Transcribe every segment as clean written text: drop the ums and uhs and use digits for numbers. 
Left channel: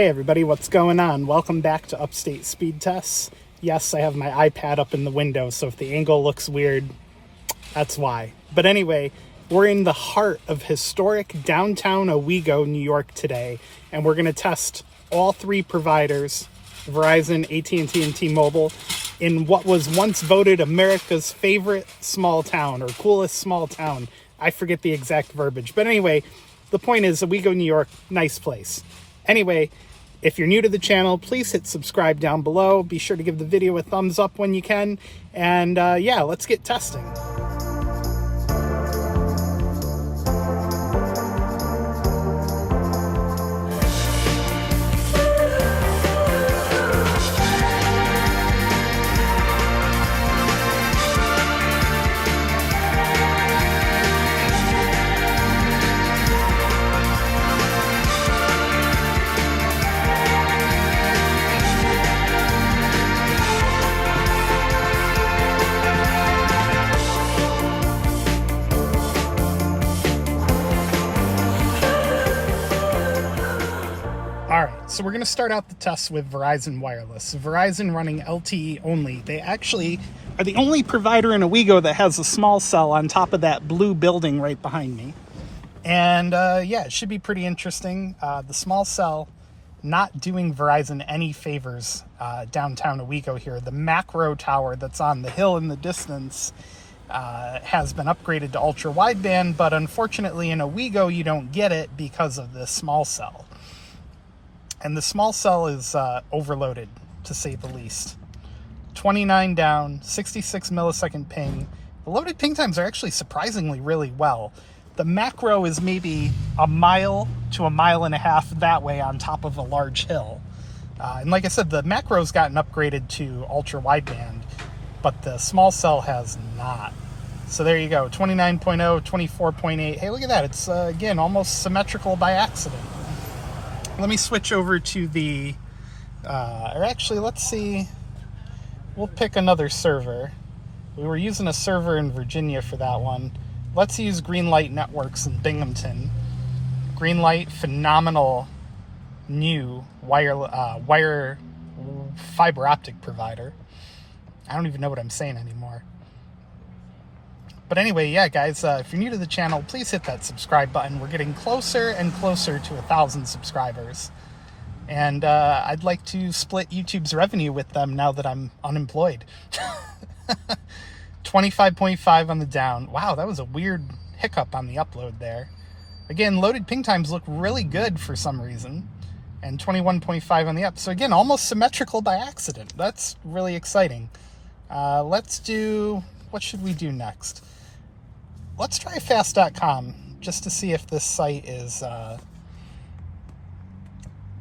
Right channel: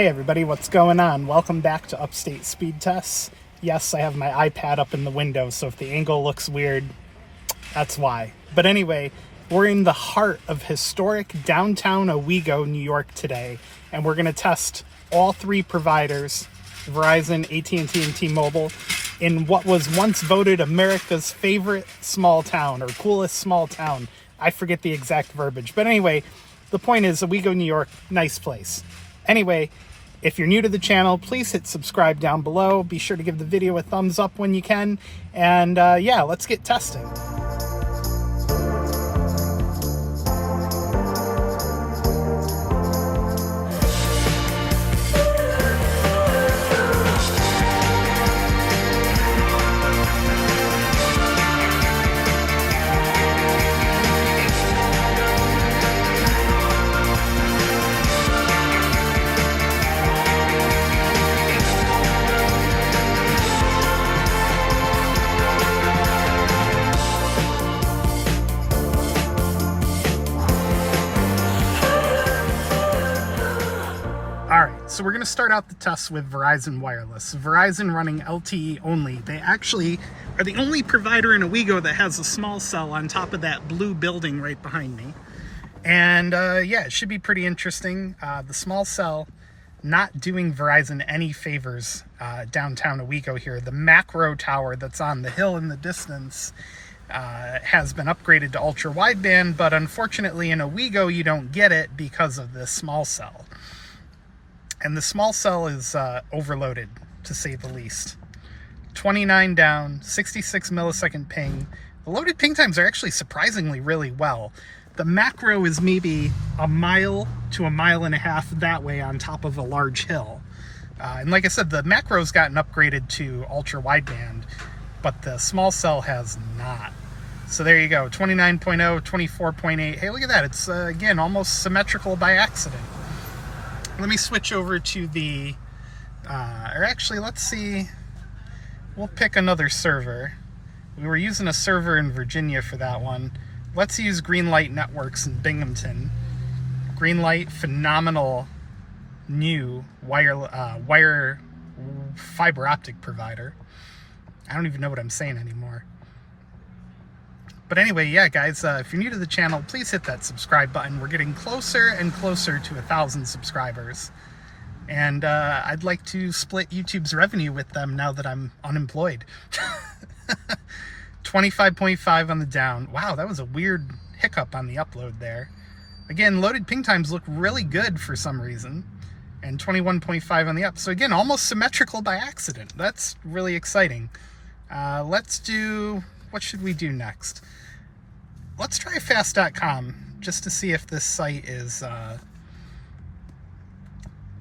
Hey everybody, what's going on? Welcome back to Upstate Speed Tests. Yes, I have my iPad up in the window, so if the angle looks weird, that's why. But anyway, we're in the heart of historic downtown Owego, New York today, and we're going to test all three providers, Verizon, AT&T, and T-Mobile, in what was once voted America's favorite small town, or coolest small town. I forget the exact verbiage. But anyway, the point is, Owego, New York, nice place. Anyway, if you're new to the channel, please hit subscribe down below. Be sure to give the video a thumbs up when you can. And yeah, let's get testing. So we're going to start out the test with Verizon Wireless. Verizon running LTE only. They actually are the only provider in Owego that has a small cell on top of that blue building right behind me. And yeah, it should be pretty interesting. The small cell not doing Verizon any favors downtown Owego here. The macro tower that's on the hill in the distance has been upgraded to ultra wideband, but unfortunately in Owego you don't get it because of the small cell. And the small cell is overloaded, to say the least. 29 down, 66 millisecond ping. The loaded ping times are actually surprisingly really well. The macro is maybe a mile to a mile and a half that way on top of a large hill. And like I said, the macro's gotten upgraded to ultra wideband, but the small cell has not. So there you go, 29.0, 24.8. Hey, look at that. It's, again, almost symmetrical by accident. Let me switch over to the, or actually, let's see, we'll pick another server. We were using a server in Virginia for that one. Let's use Greenlight Networks in Binghamton. Greenlight, phenomenal new wire fiber optic provider. I don't even know what I'm saying anymore. But anyway, yeah, guys, if you're new to the channel, please hit that subscribe button. We're getting closer and closer to 1,000 subscribers. And I'd like to split YouTube's revenue with them now that I'm unemployed. 25.5 on the down. Wow, that was a weird hiccup on the upload there. Again, loaded ping times look really good for some reason. And 21.5 on the up. So again, almost symmetrical by accident. That's really exciting. Let's do... What should we do next? Let's try fast.com just to see if this site is,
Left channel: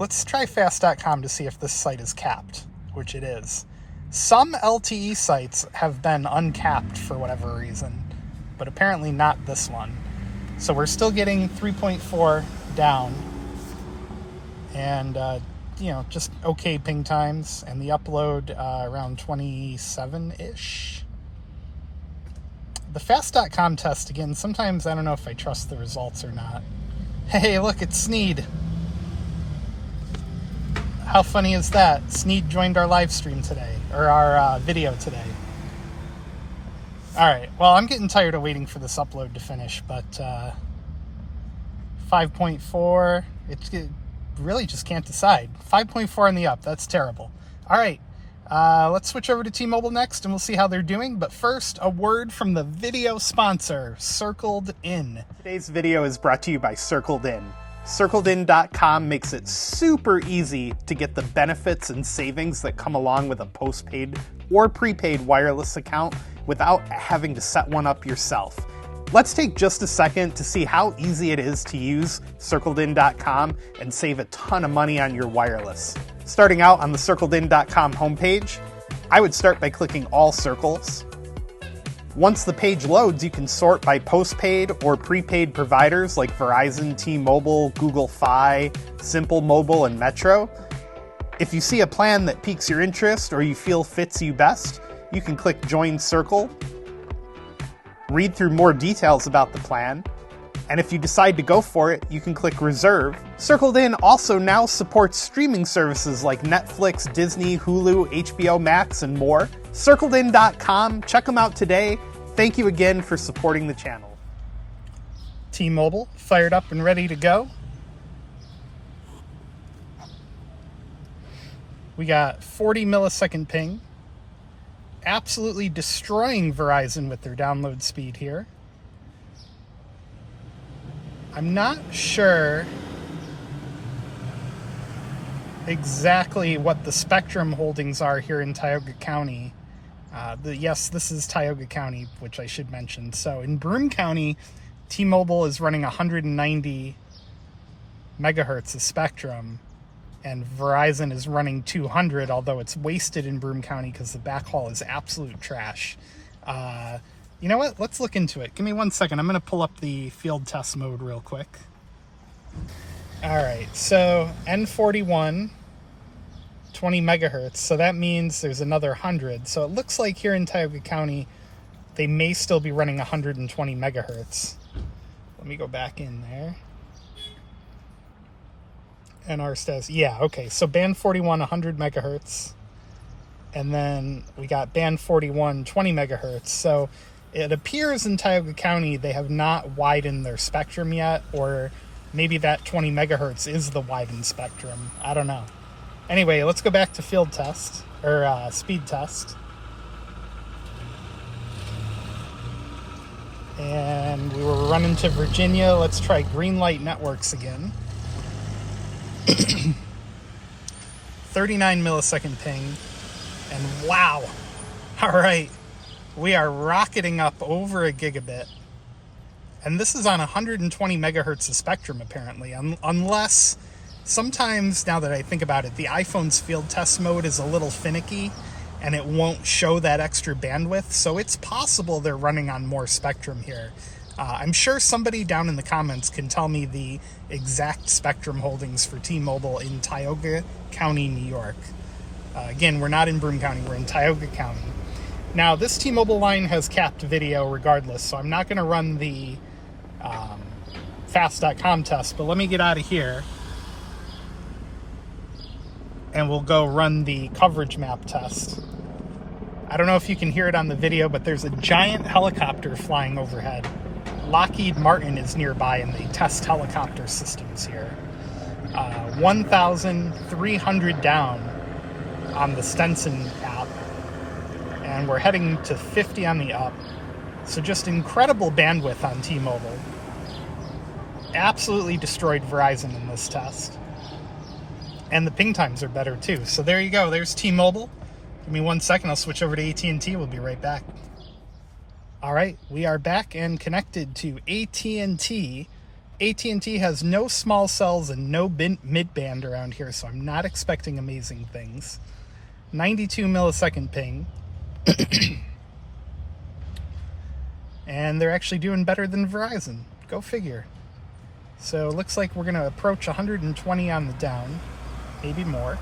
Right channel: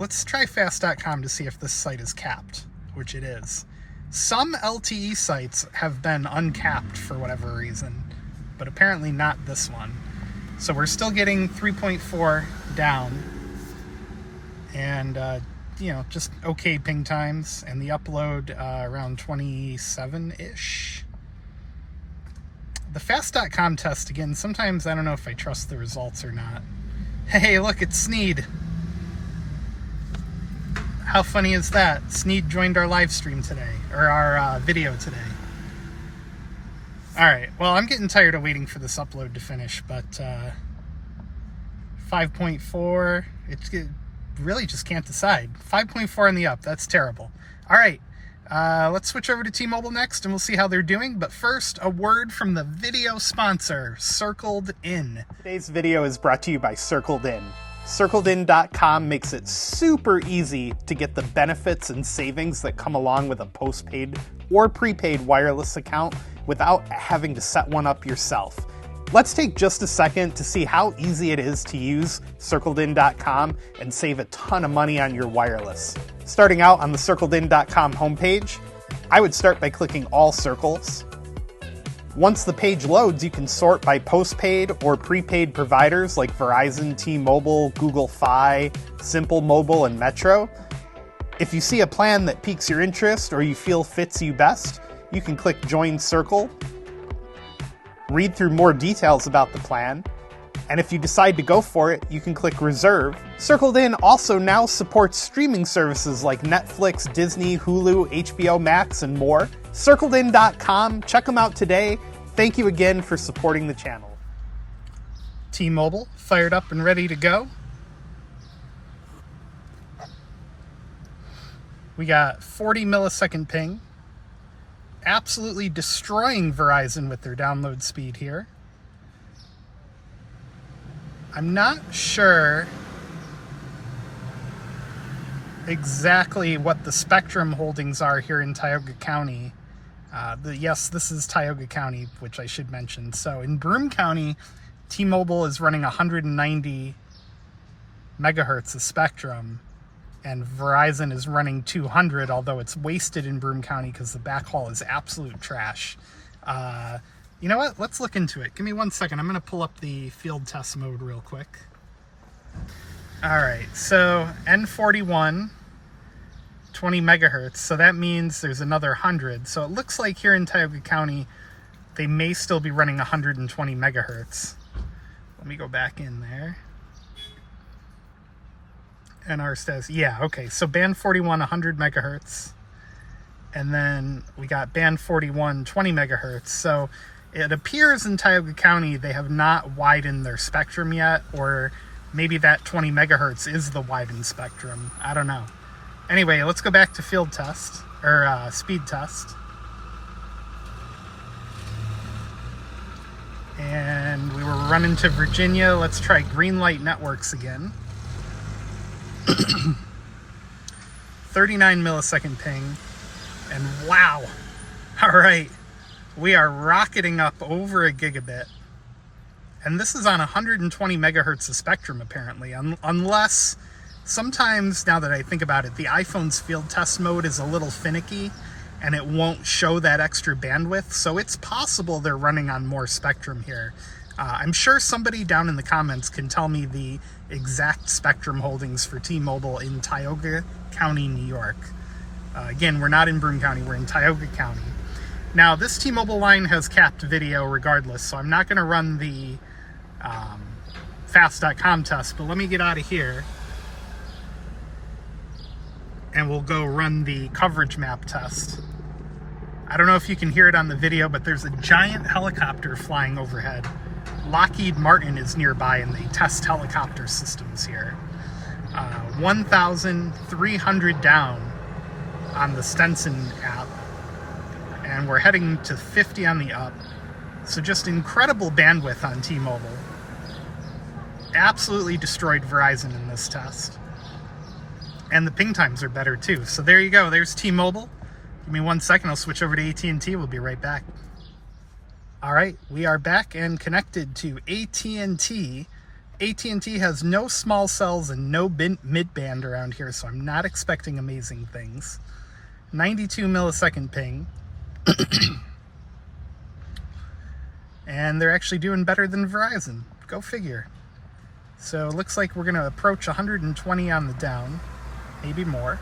let's try fast.com to see if this site is capped, which it is. Some LTE sites have been uncapped for whatever reason, but apparently not this one. So we're still getting 3.4 down and, you know, just okay ping times, and the upload around 27-ish. The fast.com test, again, sometimes I don't know if I trust the results or not. Hey, look, it's Sneed. How funny is that? Sneed joined our live stream today, or our video today. Alright, well, I'm getting tired of waiting for this upload to finish, but 5.4, it really just can't decide. 5.4 on the up, that's terrible. Alright. Let's switch over to T-Mobile next and we'll see how they're doing. But first, a word from the video sponsor, Circled In. Today's video is brought to you by Circled In. CircledIn.com makes it super easy to get the benefits and savings that come along with a postpaid or prepaid wireless account without having to set one up yourself. Let's take just a second to see how easy it is to use CircledIn.com and save a ton of money on your wireless. Starting out on the CircledIn.com homepage, I would start by clicking All Circles. Once the page loads, you can sort by postpaid or prepaid providers like Verizon, T-Mobile, Google Fi, Simple Mobile, and Metro. If you see a plan that piques your interest or you feel fits you best, you can click Join Circle, read through more details about the plan, And if you decide to go for it, you can click Reserve. Circled In also now supports streaming services like Netflix, Disney, Hulu, HBO Max, and more. CircledIn.com. Check them out today. Thank you again for supporting the channel. T-Mobile, fired up and ready to go. We got 40 millisecond ping. Absolutely destroying Verizon with their download speed here. I'm not sure exactly what the spectrum holdings are here in Tioga County. Yes, this is Tioga County, which I should mention. So in Broome County, T-Mobile is running 190 megahertz of spectrum, and Verizon is running 200, although it's wasted in Broome County because the backhaul is absolute trash. You know what? Let's look into it. Give me 1 second. I'm going to pull up the field test mode real quick. All right, so N41, 20 megahertz. So that means there's another 100. So it looks like here in Tioga County, they may still be running 120 megahertz. Let me go back in there. NR status. Yeah, okay. So band 41, 100 megahertz. And then we got band 41, 20 megahertz. So it appears in Tioga County they have not widened their spectrum yet, or maybe that 20 megahertz is the widened spectrum. I don't know. Anyway, let's go back to field test, or speed test. And we were running to Virginia. Let's try Greenlight Networks again. 39 millisecond ping. And wow. All right. We are rocketing up over a gigabit. And this is on 120 megahertz of spectrum, apparently. Unless, sometimes, now that I think about it, the iPhone's field test mode is a little finicky, and it won't show that extra bandwidth. So it's possible they're running on more spectrum here. I'm sure somebody down in the comments can tell me the exact spectrum holdings for T-Mobile in Tioga County, New York. Again, we're not in Broome County, we're in Tioga County. Now, this T-Mobile line has capped video regardless, so I'm not going to run the fast.com test, but let me get out of here and we'll go run the coverage map test. I don't know if you can hear it on the video, but there's a giant helicopter flying overhead. Lockheed Martin is nearby and they test helicopter systems here. 1,300 down on the Stenson app, and we're heading to 50 on the up. So just incredible bandwidth on T-Mobile. Absolutely destroyed Verizon in this test. And the ping times are better too. So there you go. There's T-Mobile. Give me 1 second. I'll switch over to AT&T. We'll be right back. All right, we are back and connected to AT&T. AT&T has no small cells and no mid-band around here, so I'm not expecting amazing things. 92 millisecond ping. And they're actually doing better than Verizon. Go figure. So it looks like we're going to approach 120 on the down, maybe more.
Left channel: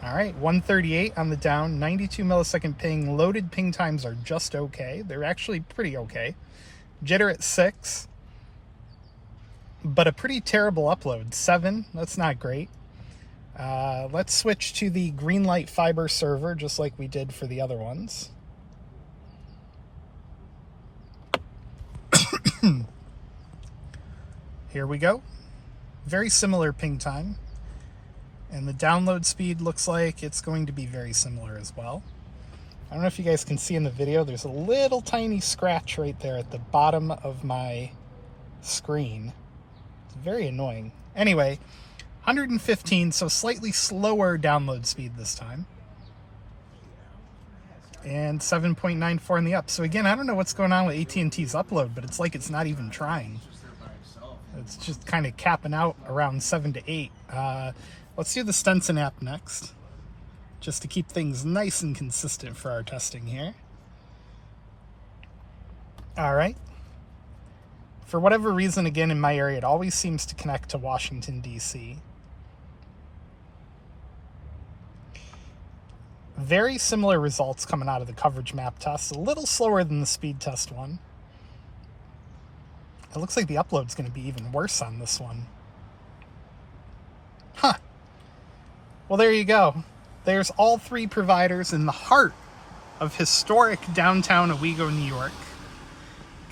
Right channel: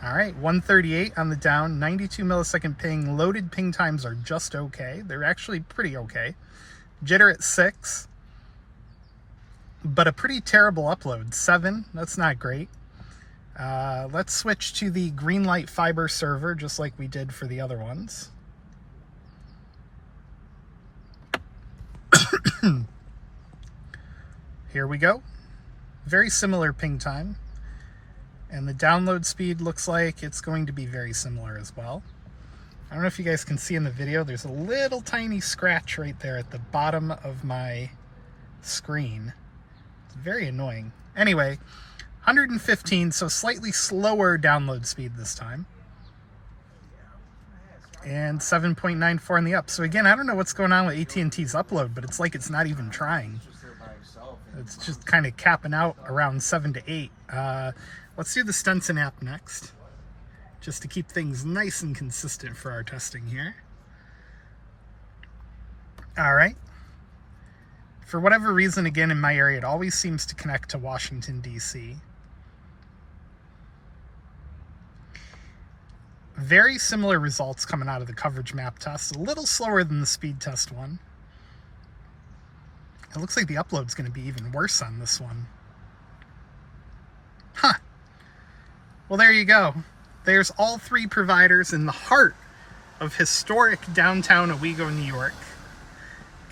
All right, 138 on the down, 92 millisecond ping. Loaded ping times are just okay. They're actually pretty okay. Jitter at 6, but a pretty terrible upload. 7, that's not great. Let's switch to the Greenlight Fiber server, just like we did for the other ones. Here we go. Very similar ping time. And the download speed looks like it's going to be very similar as well. I don't know if you guys can see in the video, there's a little tiny scratch right there at the bottom of my screen. It's very annoying. Anyway, 115, so slightly slower download speed this time. And 7.94 on the up. So again, I don't know what's going on with AT&T's upload, but it's like it's not even trying. It's just kind of capping out around 7 to 8. Let's do the Stenson app next, just to keep things nice and consistent for our testing here. All right. For whatever reason, again, in my area, it always seems to connect to Washington, D.C. Very similar results coming out of the coverage map test, a little slower than the speed test one. It looks like the upload's going to be even worse on this one. Huh. Well, there you go. There's all three providers in the heart of historic downtown Owego, New York.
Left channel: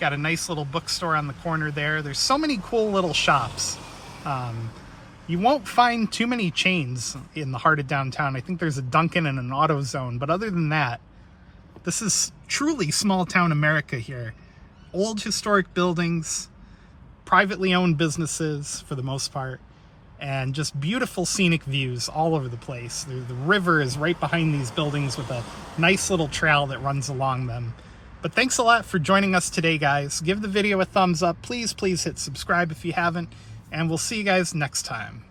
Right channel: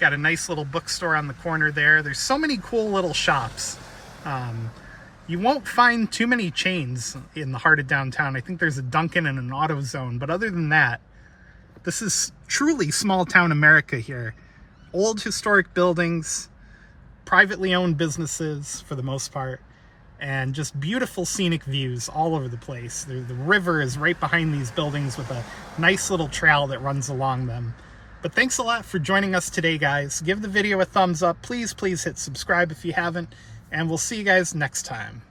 Got a nice little bookstore on the corner there. There's so many cool little shops. You won't find too many chains in the heart of downtown. I think there's a Dunkin' and an AutoZone, but other than that, this is truly small town America here. Old historic buildings, privately owned businesses for the most part, and just beautiful scenic views all over the place. The river is right behind these buildings with a nice little trail that runs along them. But thanks a lot for joining us today, guys. Give the video a thumbs up. Please hit subscribe if you haven't, and we'll see you guys next time.